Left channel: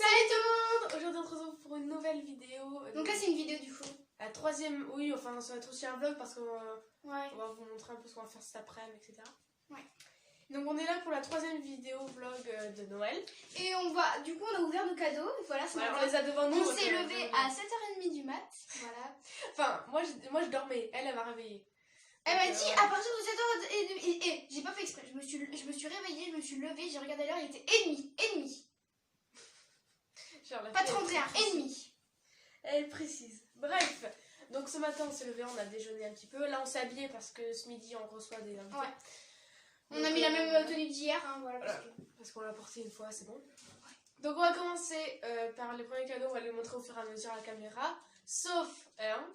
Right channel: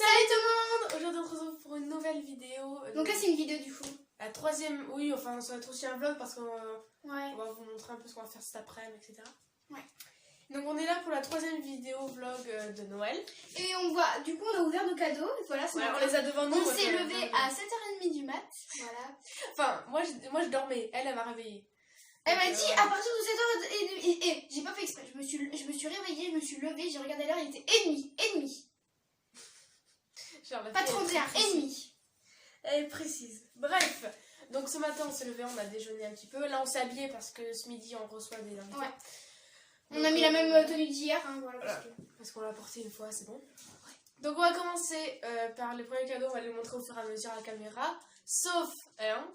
Salut tout le monde! Aujourd'hui on se retrouve pour une nouvelle vidéo. Donc là c'est une vidéo du coup. La troisième, oui, enfin ça va être aussi un vlog parce qu'on Ouais. on va vous montrer un peu ce qu'on va faire cet après-midi, etc. Ouais. Donc on est là pour la troisième vidéo vlog de Noël. Et on va, du coup on a ouvert nos cadeaux. Voilà, ce matin. On les a devant nous. On s'est levé à 7h30 du mat. Voilà. Enfin, moi je dormais, elle m'a réveillée. Elle m'a dit à partir de 7h30 et j'ai pas fait exprès. Je me suis réveillée, je me suis levée, j'ai regardé l'heure, il était et demi. Pas 31, et demi. Elle est précise. Bref, donc ce matin on s'est levé, on a déjeuné un petit peu. Là on s'est habillé parce que ce midi on reçoit des invités. Ouais. On a mis la même tenue d'hier, hein, voilà. Parce qu'on l'a porté une fois, c'est bon. Ouais. Donc on va commencer par les premiers cadeaux, on va les montrer au fur et à mesure à la caméra. Sauf un.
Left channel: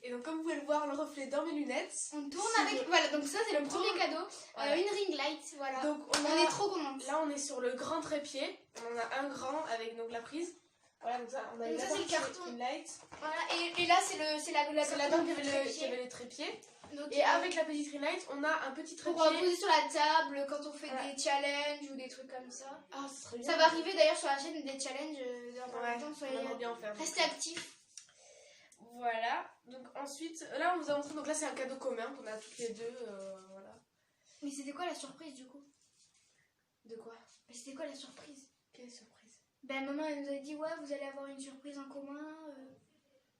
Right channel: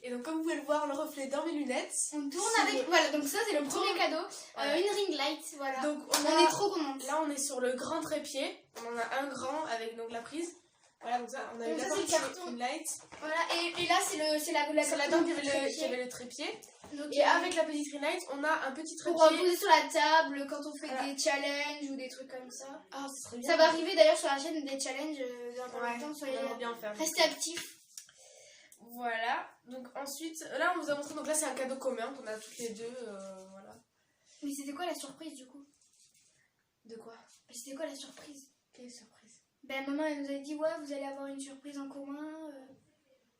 Et donc comme vous pouvez le voir, le reflet dans mes lunettes. On tourne avec, voilà, donc ça c'est le premier cadeau. Une ring light, voilà. Donc on est trop contente. Là on est sur le grand trépied. On en a un grand avec donc la prise. Voilà, donc ça, on a eu la carton. ring light. Voilà, et là c'est la donc il y avait le trépied. Donc, et avec la petite ring light, on a un petit trépied. Pour poser sur la table quand on fait des challenges ou des trucs comme ça. Ah, ça serait bien. Ça va arriver d'ailleurs sur la chaîne des challenges dans pas longtemps. Soyez bien faire. Restez actifs. Voilà, donc ensuite, là on vous a montré, donc là c'est un cadeau commun qu'on a toutes les deux, voilà. Mais c'était quoi la surprise du coup? De quoi? C'était quoi la surprise? Quelle surprise? Ben maman elle nous a dit ouais vous allez avoir une surprise en commun.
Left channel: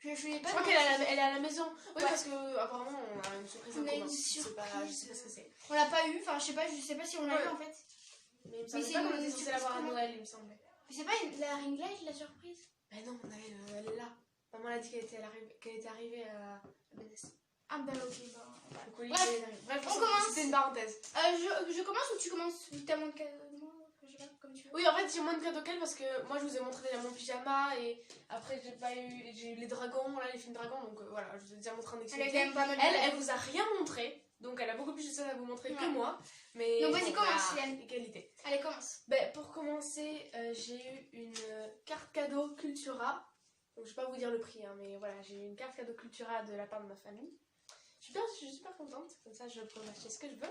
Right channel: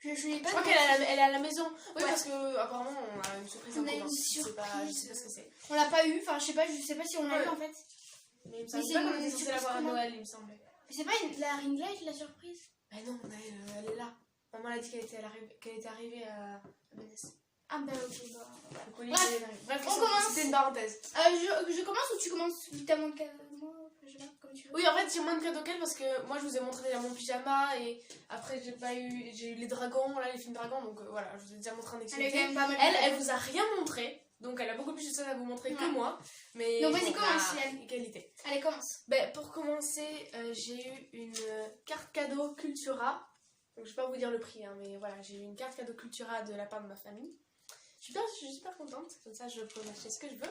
Je l'ai pas. Je crois qu'elle est à la maison. Oui, parce que apparemment on a une surprise en commun. Une surprise. Je sais pas ce que c'est. On l'a pas eu, enfin je sais pas si on l'a eu en fait. Mais il me semble pas qu'on était censé l'avoir à Noël, il me semblait. Mais c'est pas la ring light la surprise? Mais non, elle est là. Maman a dit qu'elle était arrivée à Menès. Ah bah ok, bah. Bref, on commence. C'était une parenthèse. Je commence ou tu commences? T'as moins de moi, je sais pas, comme tu veux. Oui, en fait, j'ai moins de cadeaux qu'elle parce que moi je vous ai montré déjà mon pyjama et après j'ai eu les dragons, là les films dragons, donc voilà, je vous ai déjà montré un extrait. Elle vous a rien montré, donc elle a beaucoup plus de choses à vous montrer que moi. Mais donc vas-y, commence, Yann. Égalité. Allez, commence. Pour commencer, j'ai eu une carte cadeau Cultura. Donc je vais pas vous dire le prix, hein, mais voilà, j'ai eu une carte cadeau Cultura de la part de ma famille. Je suis super contente, comme ça je peux m'acheter ce que je veux.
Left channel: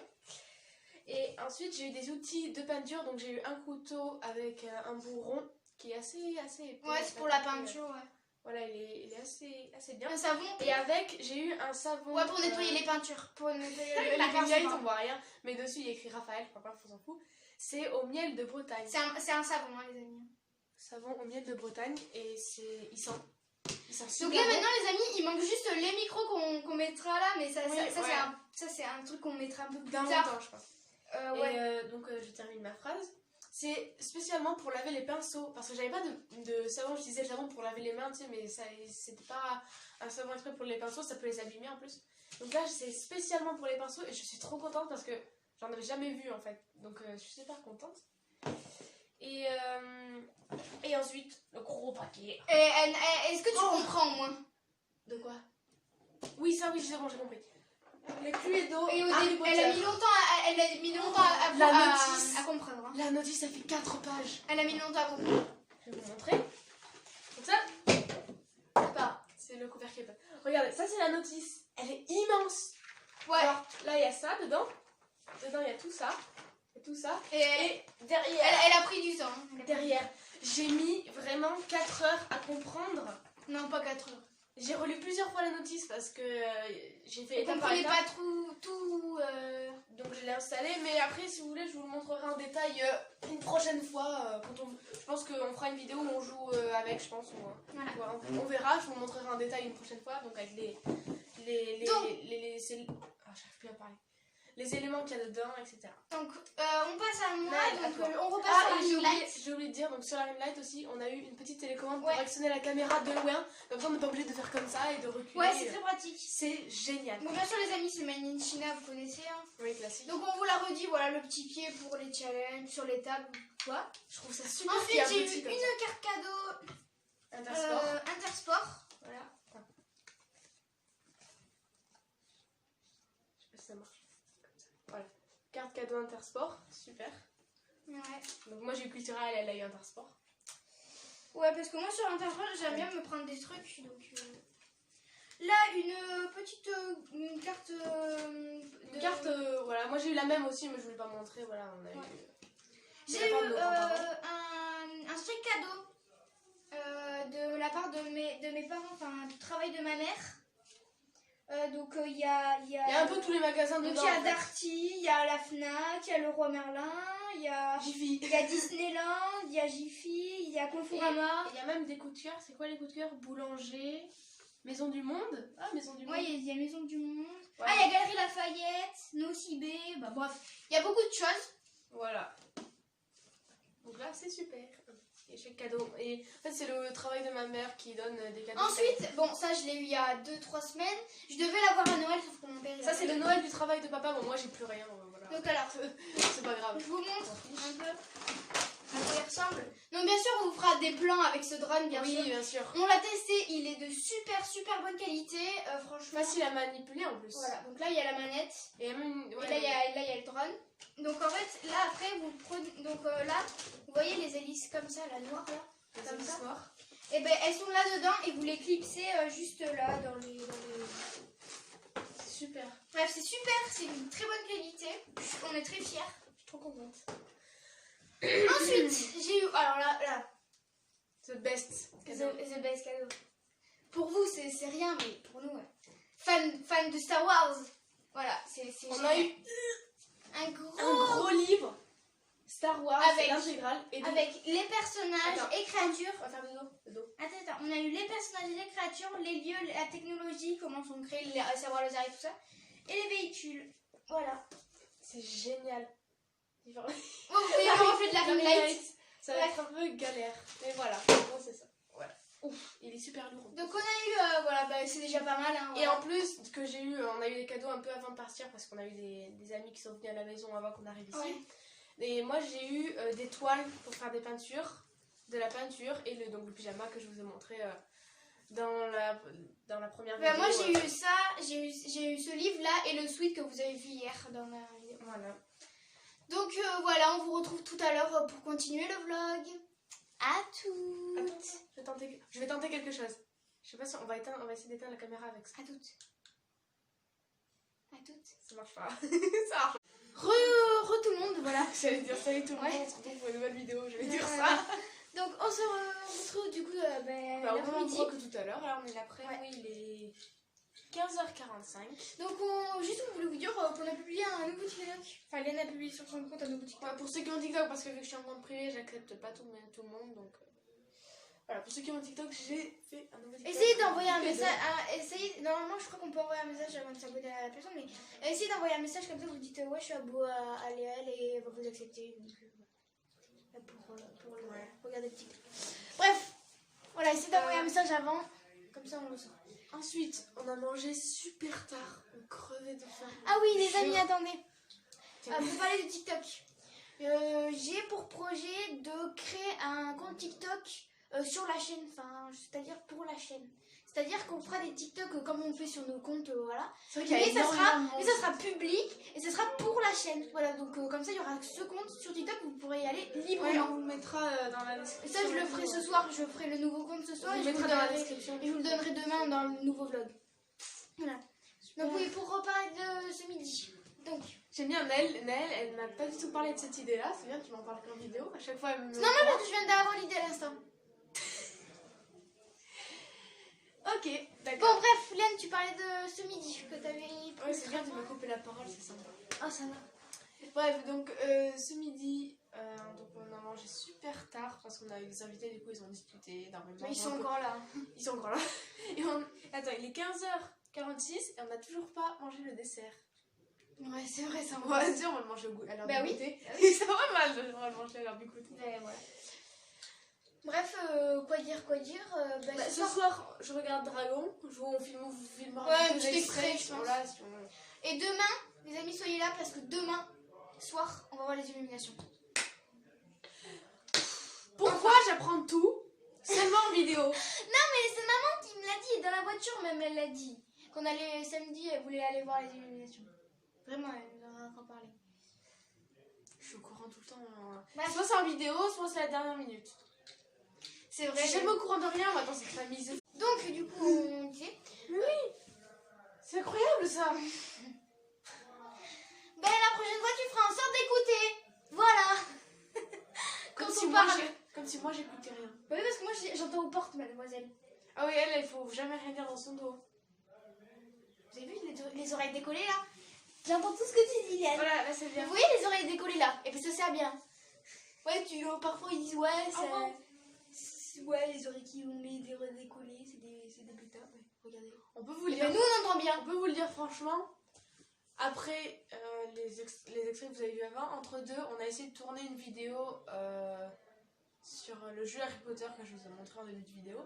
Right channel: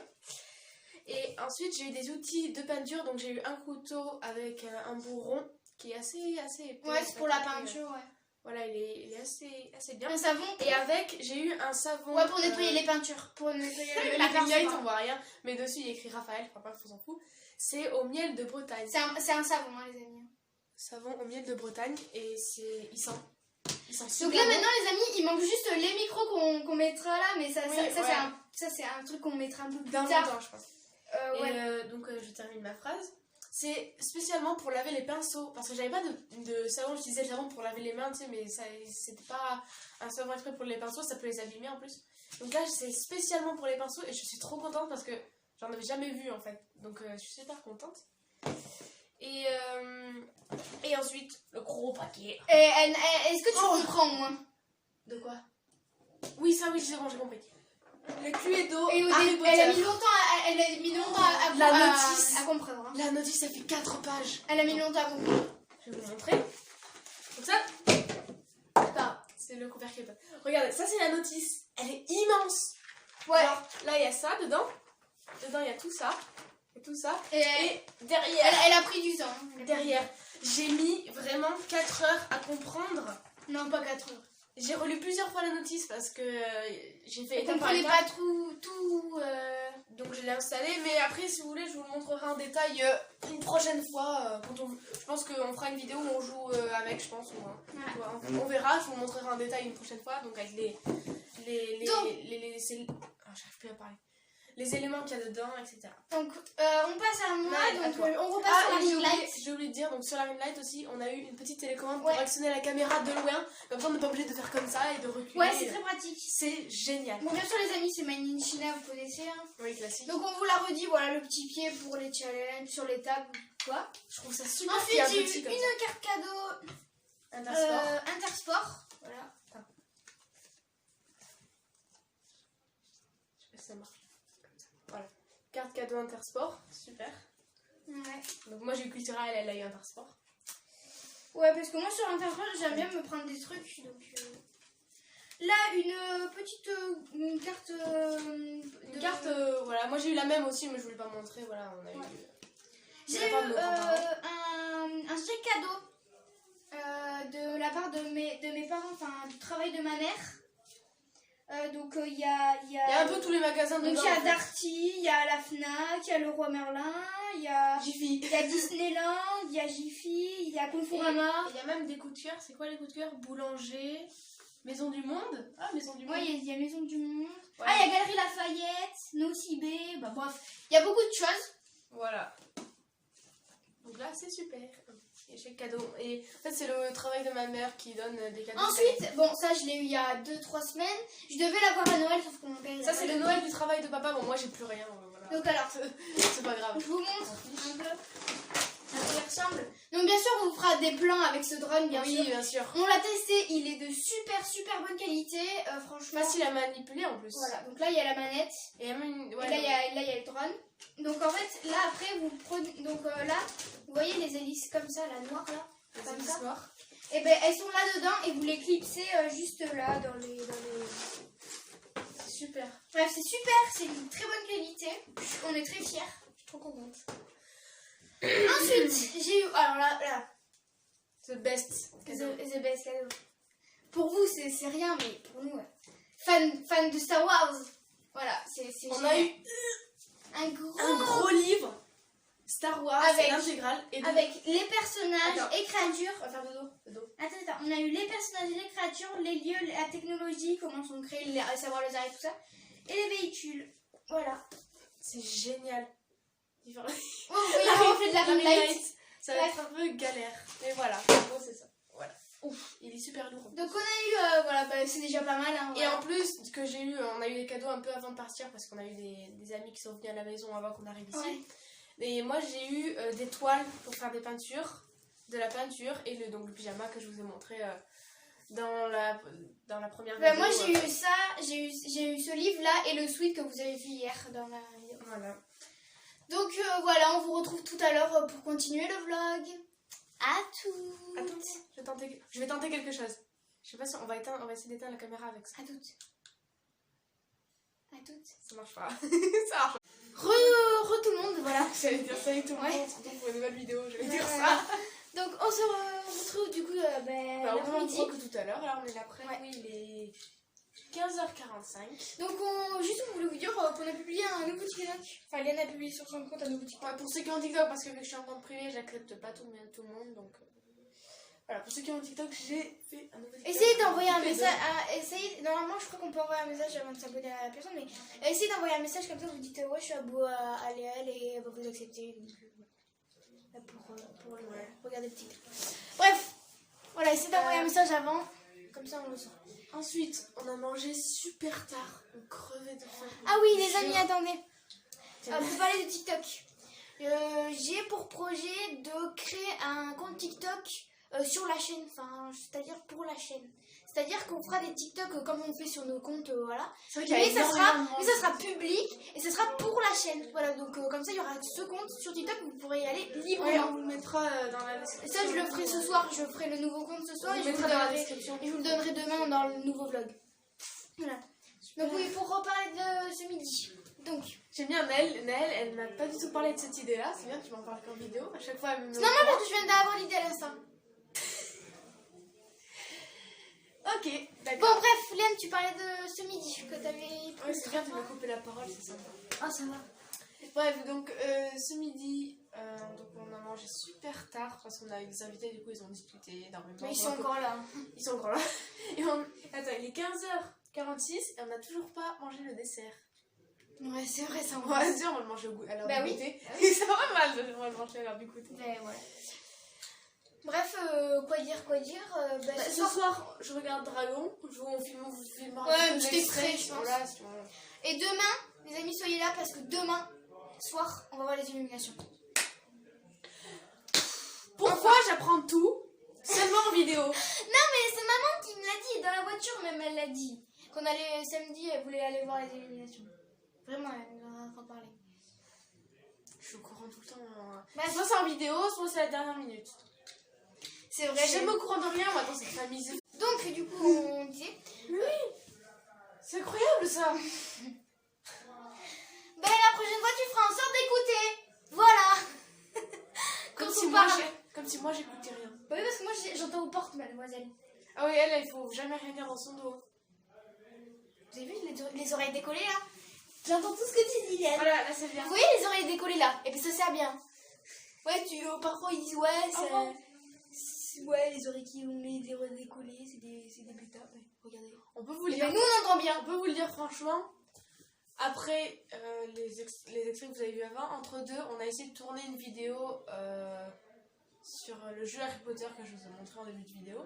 Et ensuite j'ai eu des outils de peinture, donc j'ai eu un couteau avec un bourron qui est assez épais. Ouais, c'est pour la peinture, ouais. Voilà, il est assez bien. Un savon. Et avec, j'ai eu un savon. Ouais, pour nettoyer les peintures. Pour nettoyer les peintures. On voit rien, mais dessus il y a écrit Raphaël, enfin bref, on s'en fout. C'est au miel de Bretagne. C'est un savon, hein, les amis. Savon au miel de Bretagne et il sent donc là maintenant les amis il manque juste les micros qu'on mettra là, mais ça c'est un truc qu'on mettra un peu plus tard longtemps, je pense. Donc je termine ma phrase. C'est spécialement pour laver les pinceaux parce que j'avais pas de savon, j'utilisais le savon pour laver les mains, tu sais, mais c'était pas un savon exprès pour les pinceaux, ça peut les abîmer en plus. Donc là c'est spécialement pour les pinceaux et je suis trop contente parce que j'en avais jamais vu en fait, donc je suis super contente. Et ensuite, le gros paquet. Est-ce que tu comprends au moins? De quoi? Oui, ça oui, c'est bon, j'ai compris. Le Cluedo. Et elle a mis longtemps à comprendre. Hein. La notice, elle fait 4 pages. Elle a mis longtemps à comprendre. Je vais vous montrer. Donc ça, c'est le couvercle. Regardez, ça c'est la notice. Elle est immense. Ouais. Alors, là, il y a ça dedans. Dedans, il y a tout ça. Tout ça. Et derrière. Elle a pris du temps. Derrière, j'ai mis vraiment 4 heures à comprendre. Non, pas 4 heures. J'ai relu plusieurs fois la notice parce que j'ai fait. Je comprenais pas tout. Donc je l'ai installé, mais après, si vous voulez, je vous le montrerai en détail une prochaine fois. Je pense qu'on fera une vidéo où on joue avec, je pense. Voilà. On verra, je vous le montrerai en détail une prochaine fois. Donc avec j'arrive plus à parler. Les éléments qu'il y a dedans, etc. Donc on passe à moi, donc on repasse sur la ring light. J'ai oublié de dire, donc sur la ring light aussi, on a eu une petite télécommande pour actionner la caméra de loin. Comme ça on n'est pas obligé de faire comme ça et de reculer. Ouais, c'est très pratique. C'est génial. Bon, bien sûr les amis, c'est Made in China, vous connaissez. Hein. Oui, classique. Donc on vous la redit, voilà le petit pied pour les challenges, sur les tables, quoi. Je trouve ça super. Ensuite j'ai eu une carte cadeau Intersport. Voilà. Ça marche. Voilà. Carte cadeau Intersport, super. Ouais. Donc moi j'ai eu Cultura, elle a eu Intersport. Ouais, parce que moi sur Intersport j'aime bien me prendre des trucs. Donc là une petite carte. Une carte, voilà. Moi j'ai eu la même aussi, mais je voulais pas montrer. Voilà, on a eu. J'ai eu un sac cadeau travail de ma mère. Donc il y a Il y a un peu tous les magasins donc dedans. il y a en fait. Darty, il y a la Fnac, il y a Leroy Merlin, il y a Jiffy. Disneyland, il y a Jiffy, il y a Et Conforama. il y a même des coups de cœur. C'est quoi les coups de cœur? Boulanger, Maison du Monde. Ah, Maison du Monde. Ouais, il y a Maison du Monde. Voilà. Ah, il y a Galerie Lafayette, Nocibé, bah bref, il y a beaucoup de choses. Voilà. Donc là, c'est super. Et j'ai cadeau. Et en fait, c'est le travail de ma mère qui donne des cadeaux. Ensuite, bon, ça je l'ai eu il y a 2-3 semaines. Je devais l'avoir à Noël, sauf que mon père. il a Ça, c'est pas le eu. Noël du travail de papa. Bon, moi, j'ai plus rien. Voilà. Donc alors, C'est pas grave. je vous montre un peu à quoi il ressemble. Donc bien sûr, on vous fera des plans avec ce drone, bien Oui, sûr. bien sûr. On l'a testé, il est de super bonne qualité, franchement. Facile à manipuler en plus. Voilà, donc là il y a la manette, Et même, ouais. et là il y a le drone. Donc en fait, là après vous prenez, donc là, vous voyez les hélices comme ça, la noire là, Les comme hélices ça. noires. Et ben elles sont là dedans et vous les clipsez juste là dans les... C'est super. Bref, c'est super, c'est une très bonne qualité, on est très fiers. Je suis trop contente. Ensuite, j'ai eu, alors là, The best. the best cadeau. Pour vous, c'est rien, mais pour nous, ouais. Fan de Star Wars. Voilà, c'est On a eu un gros... un gros livre Star Wars Avec- l'intégrale. Et des- Avec les personnages Attends. et créatures. On va faire de dos. De dos. Attends, on a eu les personnages et les créatures, les lieux, la technologie, comment sont créés, les savoirs laser et tout ça. Et les véhicules. Voilà. C'est génial. Oh, vous voyez comment on fait de la ring light. Ça va être un peu galère. Mais voilà. En gros, c'est ça. Voilà. Ouf, il est super lourd. Donc on a eu, voilà, bah, c'est déjà pas mal. Hein, Et voilà. en plus, ce que j'ai eu, on a eu les cadeaux un peu avant de partir parce qu'on a eu des amis qui sont venus à la maison avant qu'on arrive ici. Ouais. Et moi, j'ai eu des toiles pour faire des peintures, de la peinture et donc le pyjama que je vous ai montré dans la première Bah, vidéo. moi j'ai eu ça, j'ai eu ce livre là et le sweat que vous avez vu hier dans la vidéo. Voilà. Donc voilà, on vous retrouve tout à l'heure pour continuer le vlog. À toutes. Attends, je vais tenter quelque chose. Je sais pas si on va essayer d'éteindre la caméra avec ça. À toutes. À toutes. Ça marche pas. Ça marche. Re tout le monde, voilà. J'allais dire salut tout le Ouais. monde, on se retrouve pour une nouvelle vidéo, je vais dire ça. Donc on se retrouve du coup Bah, au même l'après-midi. endroit que tout à l'heure, là on est l'après-midi, il est 15h45. Donc juste on voulait vous dire qu'on a publié un nouveau TikTok. Enfin Léane a publié sur son compte un nouveau TikTok. Ouais, pour ceux qui ont TikTok, parce que vu que je suis en compte privé, j'accepte pas tout le monde, donc voilà, pour ceux qui ont TikTok, j'ai fait un nouveau TikTok. Essayez d'envoyer un Toutes les message. Normalement, je crois qu'on peut envoyer un message avant de s'abonner à la personne, mais essayez d'envoyer un message comme ça. Vous dites ouais, je suis abonné à Léane et elle va vous accepter. Donc, pour regarder le TikTok. Bref, voilà, essayez d'envoyer un message avant, comme ça on le sent. Ensuite, on a mangé super tard, on crevait de faim. Ah oui, les amis, attendez. Pour parler de TikTok, j'ai pour projet de créer un compte TikTok sur la chaîne, enfin, c'est-à-dire pour la chaîne. C'est-à-dire qu'on fera des TikTok comme on fait sur nos comptes, voilà. C'est vrai qu'il y a Mais ça énormément de monde. sera public et ce sera pour la chaîne. Voilà, donc comme ça, il y aura ce compte sur TikTok, vous pourrez y aller Ouais, librement. on vous le mettra dans la Et description. ça, je le ferai ce soir, je ferai le nouveau compte ce soir On et je le vous, mettra dans la donnerai, description. et je vous le donnerai demain dans le nouveau vlog. Voilà. Donc oui, pour reparler de ce midi. Donc, J'aime bien Naël, elle n'a pas du tout parlé de cette idée-là, c'est bien, tu m'en parles qu'en vidéo, à chaque fois elle me c'est normal parce que je viens d'avoir l'idée à l'instant. Ok, Bon, d'accord. bref, Léane, tu parlais de ce midi que t'avais Oui, pris. c'est bien, tu m'as coupé la parole, c'est sympa. Ah, ça va. Bref, donc ce midi, donc on a mangé super tard parce qu'on a eu des invités, du coup ils ont discuté énormément. Mais ils sont encore là. Ils sont encore là. Et attends, il est 15h46 et on n'a toujours pas mangé le dessert. Ouais, c'est vrai, ça On va dire, on va le manger à l'heure Bah du oui. goûter. Et ça va mal, on va le manger à l'heure du goûter. Ouais. Bref, quoi dire Bah, ce soir, je regarde Dragon, on filmera Ouais, un un peu petit d'extrait, extrait, je pense. voilà, si on- Et demain, les amis, soyez là parce que demain soir, on va voir les illuminations. Pourquoi j'apprends tout seulement en vidéo? Non, mais c'est maman qui me l'a dit, dans la voiture même, elle l'a dit. Qu'on allait samedi, elle voulait aller voir les illuminations. Vraiment, elle en a parlé. Je suis au courant tout le temps. Bref. Soit c'est en vidéo, soit c'est à la dernière minute. C'est Je vrai. suis jamais au courant de rien, moi, dans cette famille. Donc, du coup, on disait. Mais oui, c'est incroyable ça. Ben, la prochaine fois, tu feras en sorte d'écouter. Voilà. Comme Quand si on moi, parle. comme si moi j'écoutais rien. Oui, parce que moi, j'entends aux portes, mademoiselle. Ah oui, elle, il faut jamais rien dire dans son dos. Vous avez vu les oreilles décollées là? J'entends tout ce que tu dis là. Voilà, là c'est bien. Vous voyez les oreilles décollées là? Et bien ça sert bien. Ouais, parfois ils disent ouais, ouais, les oreilles qui ont les oreilles décollées, c'est des bêtas. Ouais, regardez. On peut vous le Et dire. ben nous on entend bien. On peut vous le dire franchement. Après les extraits que vous avez vus avant, entre deux, on a essayé de tourner une vidéo sur le jeu Harry Potter que je vous ai montré en début de vidéo.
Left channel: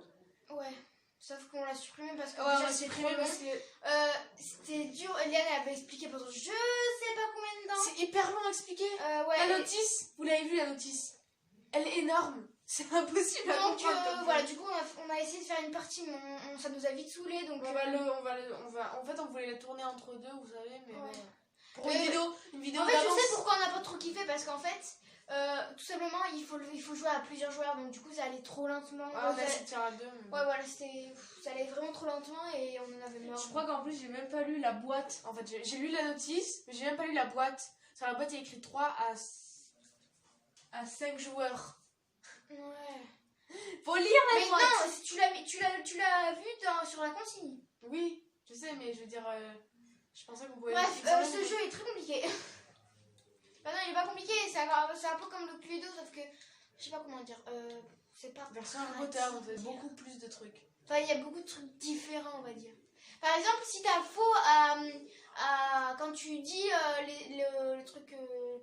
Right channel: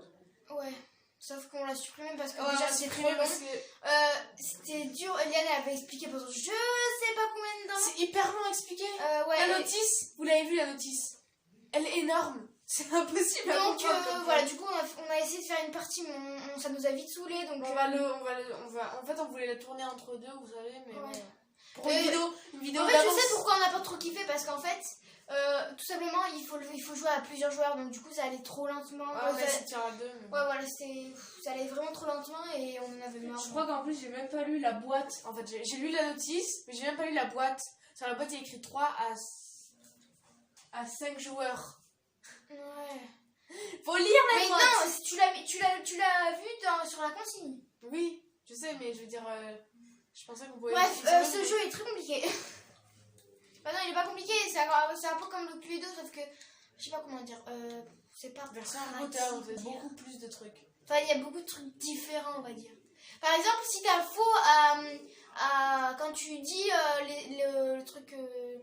Ouais. Sauf qu'on l'a supprimé parce que Ouais, déjà c'est trop long. C'était dur. Eliane avait expliqué pendant je sais pas combien de temps. C'est hyper long à expliquer. Ouais, la notice, vous l'avez vu la notice. Elle est énorme. C'est impossible à donc comprendre. voilà, du coup on a essayé de faire une partie, mais ça nous a vite saoulé. Donc En fait, on voulait la tourner entre deux, vous savez, mais ouais. bon. Pour une vidéo En fait, d'avance. je sais pourquoi on n'a pas trop kiffé, parce qu'en fait, tout simplement, il faut jouer à plusieurs joueurs, donc du coup, ça allait trop lentement. Ah, on a essayé de faire à deux. Mais... Ouais, voilà, ça allait vraiment trop lentement et on en avait marre. Je crois qu'en plus, j'ai même pas lu la boîte. En fait, j'ai lu la notice, mais j'ai même pas lu la boîte. Sur la boîte, il y a écrit 3 à 5 joueurs. Ouais. Faut lire la boîte. Mais non, tu l'as vu sur la consigne. Oui, je sais, mais je veux dire, je pensais qu'on pouvait... Bref, ce jeu est très compliqué. Bah non, il est pas compliqué, c'est un peu comme le Cluedo, sauf que, je sais pas comment dire, c'est pas... Version Harry Potter, on fait beaucoup plus de trucs. Enfin, il y a beaucoup de trucs différents, on va dire. Par exemple, si t'as faux quand tu dis le truc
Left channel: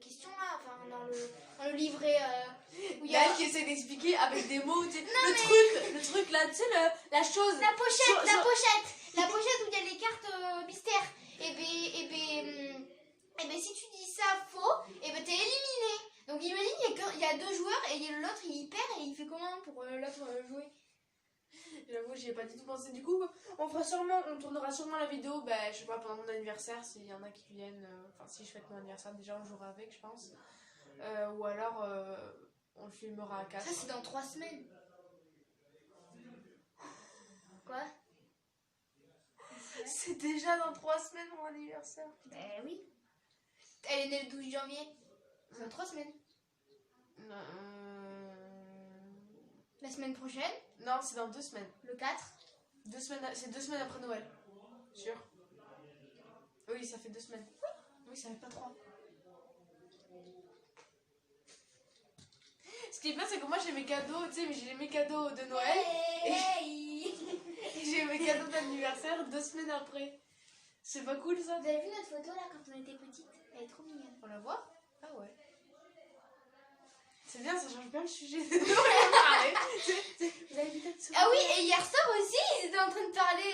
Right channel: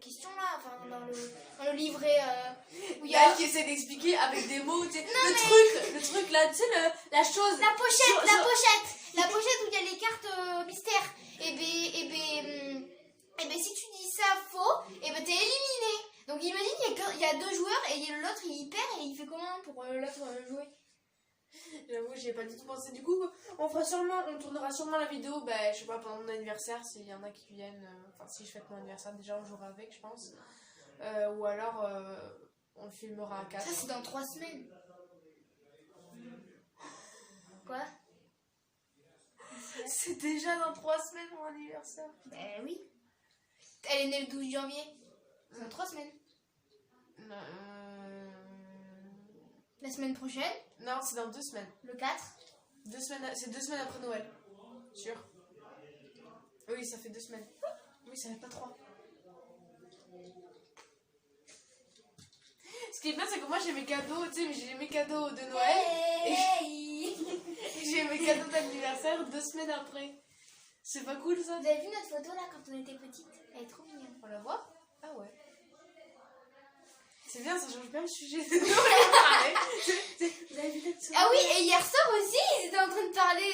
question là, enfin dans le livret où il y a... qui essaie d'expliquer avec des mots, tu sais, le truc là, tu sais, la chose. La pochette où il y a les cartes mystères. Et ben si tu dis ça faux, et ben t'es éliminé. Donc imagine, il y a 2 joueurs et l'autre il perd et il fait comment pour l'autre jouer? J'avoue, j'y ai pas du tout pensé. Du coup, on tournera sûrement la vidéo, je sais pas, pendant mon anniversaire, s'il y en a qui viennent. Enfin, si je fête mon anniversaire, déjà on jouera avec, je pense. Ou alors, on le filmera à 4. Ça, c'est dans 3 semaines. Quoi? C'est déjà dans 3 semaines mon anniversaire. Oui. Elle est née le 12 janvier. C'est dans 3 semaines. La semaine prochaine? Non, c'est dans 2 semaines. Le 4? C'est 2 semaines après Noël. Sûr? Oui, ça fait 2 semaines. Oui, ça fait pas 3. Ce qui est bien, c'est que moi j'ai mes cadeaux, tu sais, j'ai mes cadeaux de Noël. Hey. J'ai mes cadeaux d'anniversaire 2 semaines après. C'est pas cool ça? Vous avez vu notre photo là quand on était petite? Elle est trop mignonne. On la voit? Ah ouais. C'est bien, ça change bien le sujet. Ah oui, et hier soir aussi, ils étaient en train de parler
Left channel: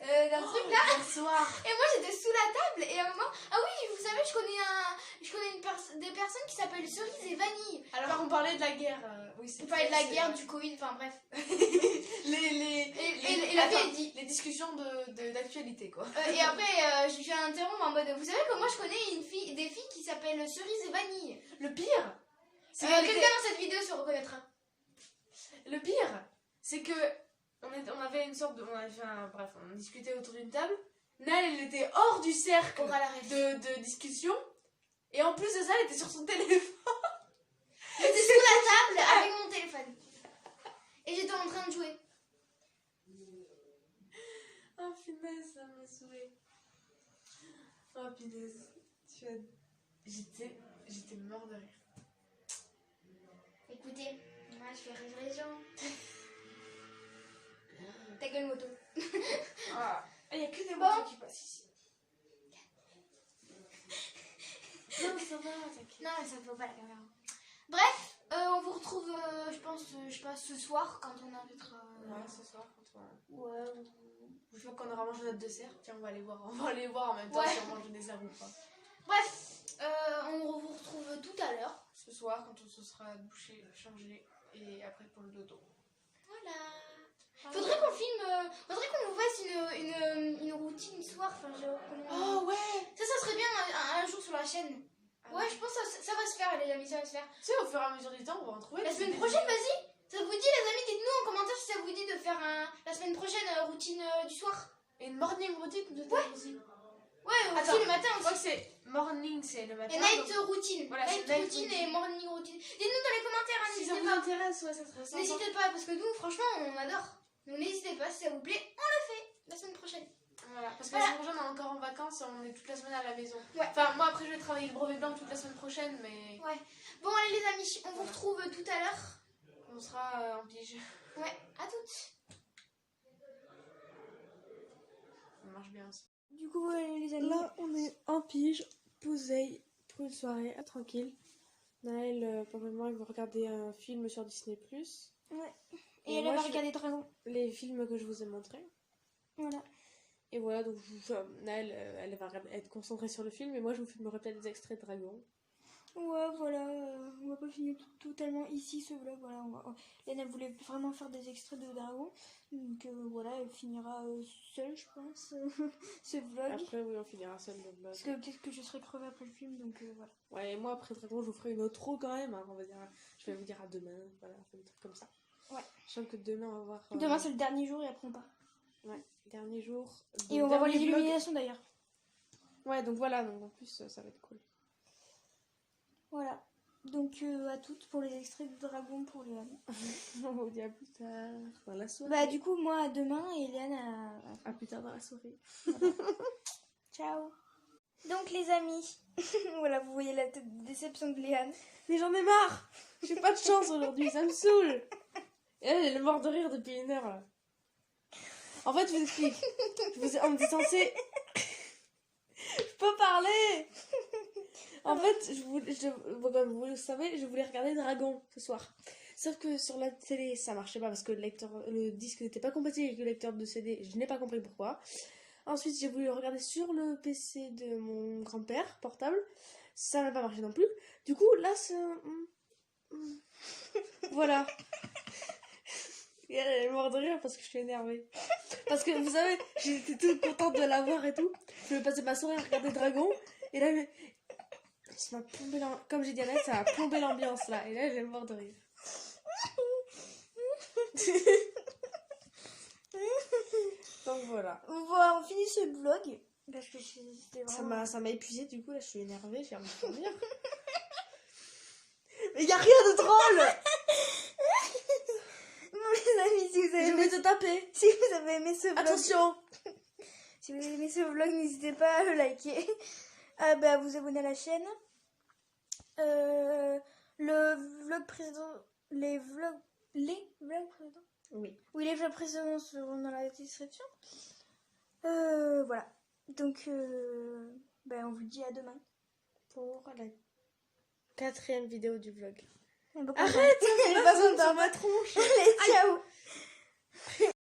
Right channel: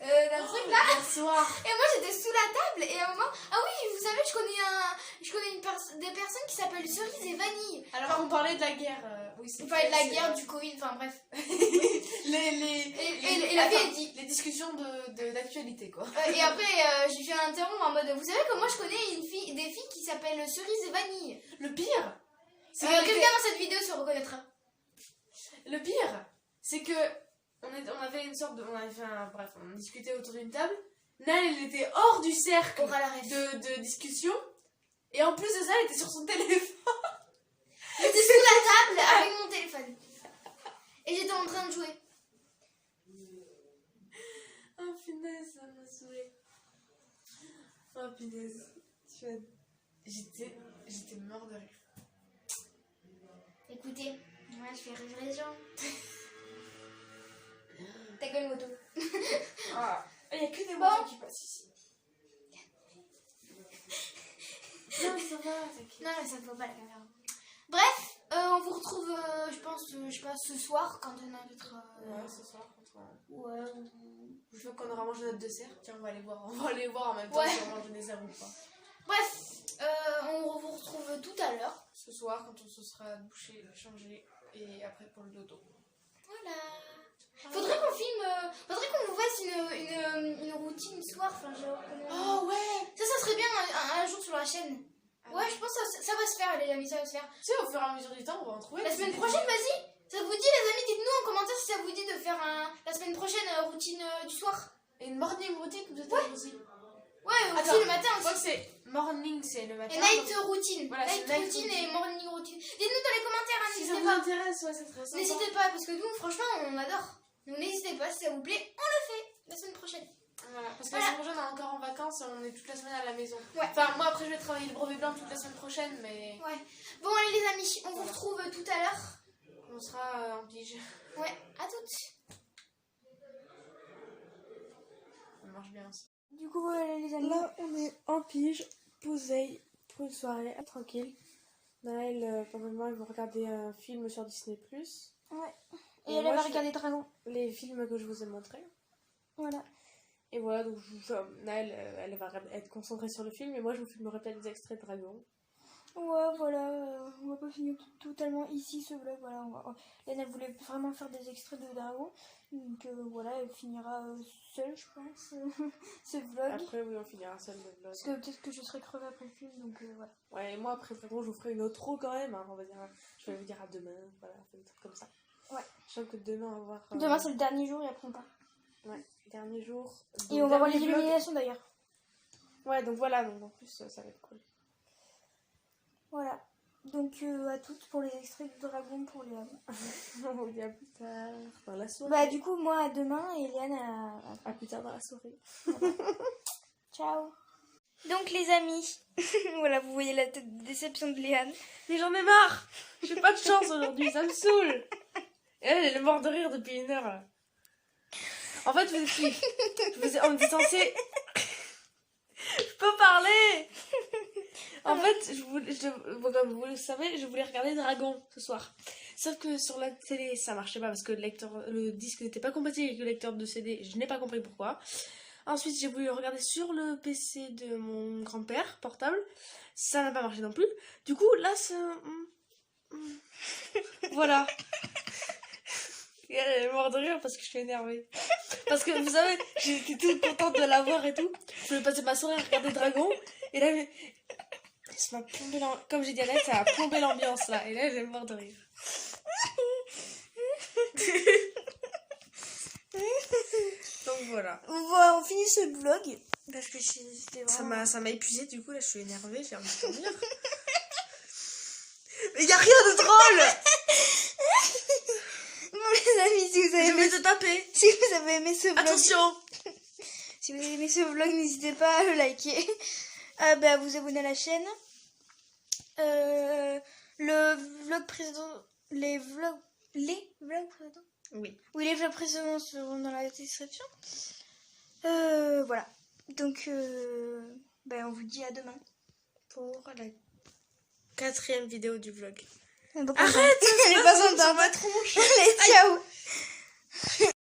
d'un truc là. Hier soir. Et moi j'étais sous la table et à un moment, ah oui, vous savez, je connais des personnes qui s'appellent Cerise et Vanille. Alors on parlait de la guerre. Oui, c'est on parlait de la guerre, du Covid, enfin bref. et la fille elle dit. Les discussions d'actualité quoi. Et après, j'ai fait un interrompre en mode, vous savez que moi je connais des filles qui s'appellent Cerise et Vanille. Le pire, quelqu'un dans cette vidéo se reconnaîtra. Le pire, c'est que on avait une sorte de... Bref, on discutait autour d'une table. Là, elle était hors du cercle de discussion. Et en plus de ça, elle était sur son téléphone. J'étais sous la table avec mon téléphone. Et j'étais en train de jouer. Oh punaise, ça m'a saoulé. Oh punaise. J'étais mort de rire. Écoutez, moi je fais rire les gens. Ta gueule moto. Il n'y a que des motos qui passent ici. Non, ça va, t'inquiète. Non, mais ça ne faut pas la caméra. Bref, on vous retrouve, je pense, ce soir quand on invitera. Ouais, ce soir quand on... Ouais. Une fois qu'on aura mangé notre dessert, tiens, on va aller voir en même temps si on mange le dessert ou pas. Bref, on vous retrouve tout à l'heure. Ce soir quand on se sera douché, changé et après pour le dodo. Voilà. Faudrait qu'on filme, faudrait qu'on vous fasse une routine soir, enfin genre. Oh ouais. Ça serait bien un jour sur la chaîne. Ouais, je pense que ça va se faire les amis, ça va se faire. Tu sais, au fur et à mesure du temps, on va en trouver. La semaine prochaine, vas-y. Ça vous dit les amis, dites-nous en commentaire si ça vous dit de faire la semaine prochaine routine du soir. Et une morning routine peut-être aussi. Ouais, aussi le matin Je crois que aussi. c'est morning, c'est le matin. Et night routine. Voilà, night night routine et morning routine. Dites-nous dans les commentaires, Si ça n'hésitez vous pas. intéresse, ouais, c'est très sympa. N'hésitez pas, parce que nous, franchement, on adore. Donc n'hésitez pas, si ça vous plaît, on le fait la semaine prochaine. Voilà, parce que Voilà. la semaine prochaine, on est encore en vacances et on est toute la semaine à la maison. Ouais. Enfin, moi après, je vais travailler le brevet blanc toute la semaine prochaine, mais Ouais. Bon, allez les amis, on vous Voilà. retrouve tout à l'heure. on sera en pige. Ouais, à toutes. On marche bien aussi. Du coup, voilà les amis. Là, on est en pige, posé pour une soirée tranquille. Naël, pendant le moment, elle va regarder un film sur Disney+. Ouais. Et Et elle moi, va je- regarder Dragon. Les films que je vous ai montrés. Voilà. Et voilà, donc Naël, elle va être concentrée sur le film, et moi, je vous filmerai peut-être des extraits de Dragon. Ouais, voilà, on va pas finir totalement ici ce vlog. Voilà, Léna voulait vraiment faire des extraits de Dragon. Donc voilà, elle finira seule, je pense, ce vlog. Après, oui, on finira seul le vlog. Parce que peut-être que je serai crevée après le film, donc voilà. Ouais, et moi, après Dragon, je vous ferai une outro quand même. Hein, on va dire, je vais vous dire à demain, voilà, un truc comme ça. Ouais. Je sens que demain, on va voir. Demain, c'est le dernier jour et après on part. Ouais, dernier jour. Et Donc, on va voir les dernier vlog. illuminations d'ailleurs. Ouais, donc voilà, donc en plus, ça va être cool. Voilà. Donc à toutes pour les extraits de Dragon pour Léane. On vous dit à plus tard dans la soirée. Bah, du coup, moi à demain et Léane À plus tard dans la soirée. Ciao. Donc les amis, voilà, vous voyez la tête de déception de Léane. Mais j'en ai marre. J'ai pas de chance aujourd'hui, ça me saoule. Et elle est morte de rire depuis 1 heure là. En fait, on était censé. Je peux parler. En fait, comme vous le savez, je voulais regarder Dragon ce soir. Sauf que sur la télé, ça marchait pas parce que le disque n'était pas compatible avec le lecteur de CD. Je n'ai pas compris pourquoi. Ensuite, j'ai voulu regarder sur le PC de mon grand-père portable. Ça n'a pas marché non plus. Du coup, là, ça... Voilà. Et elle est morte de rire parce que je suis énervée. Parce que vous savez, j'étais toute contente de la voir et tout. Je voulais passer ma soirée à regarder Dragon. Et là, ça m'a plombé comme j'ai dit à Naël, ça a plombé l'ambiance là. Et là, elle est morte de rire. Donc voilà. Voilà, on finit ce vlog. Parce que c'était vraiment... Ça m'a épuisée, du coup là je suis énervée, j'ai envie de dormir. Mais y a rien de drôle. Bon les amis, si vous avez Je aimé, vais te taper. si vous avez aimé ce vlog, Attention. si vous avez aimé ce vlog, n'hésitez pas à le liker, à vous abonner à la chaîne. Le vlog précédent, les vlogs précédents. Oui. Oui, les vlogs précédents seront dans la description. Voilà. Donc, on vous dit à demain. Pour la 4e vidéo du vlog. Arrête. Arrête. Elle est pas sur contente. ma tronche. Allez, ciao.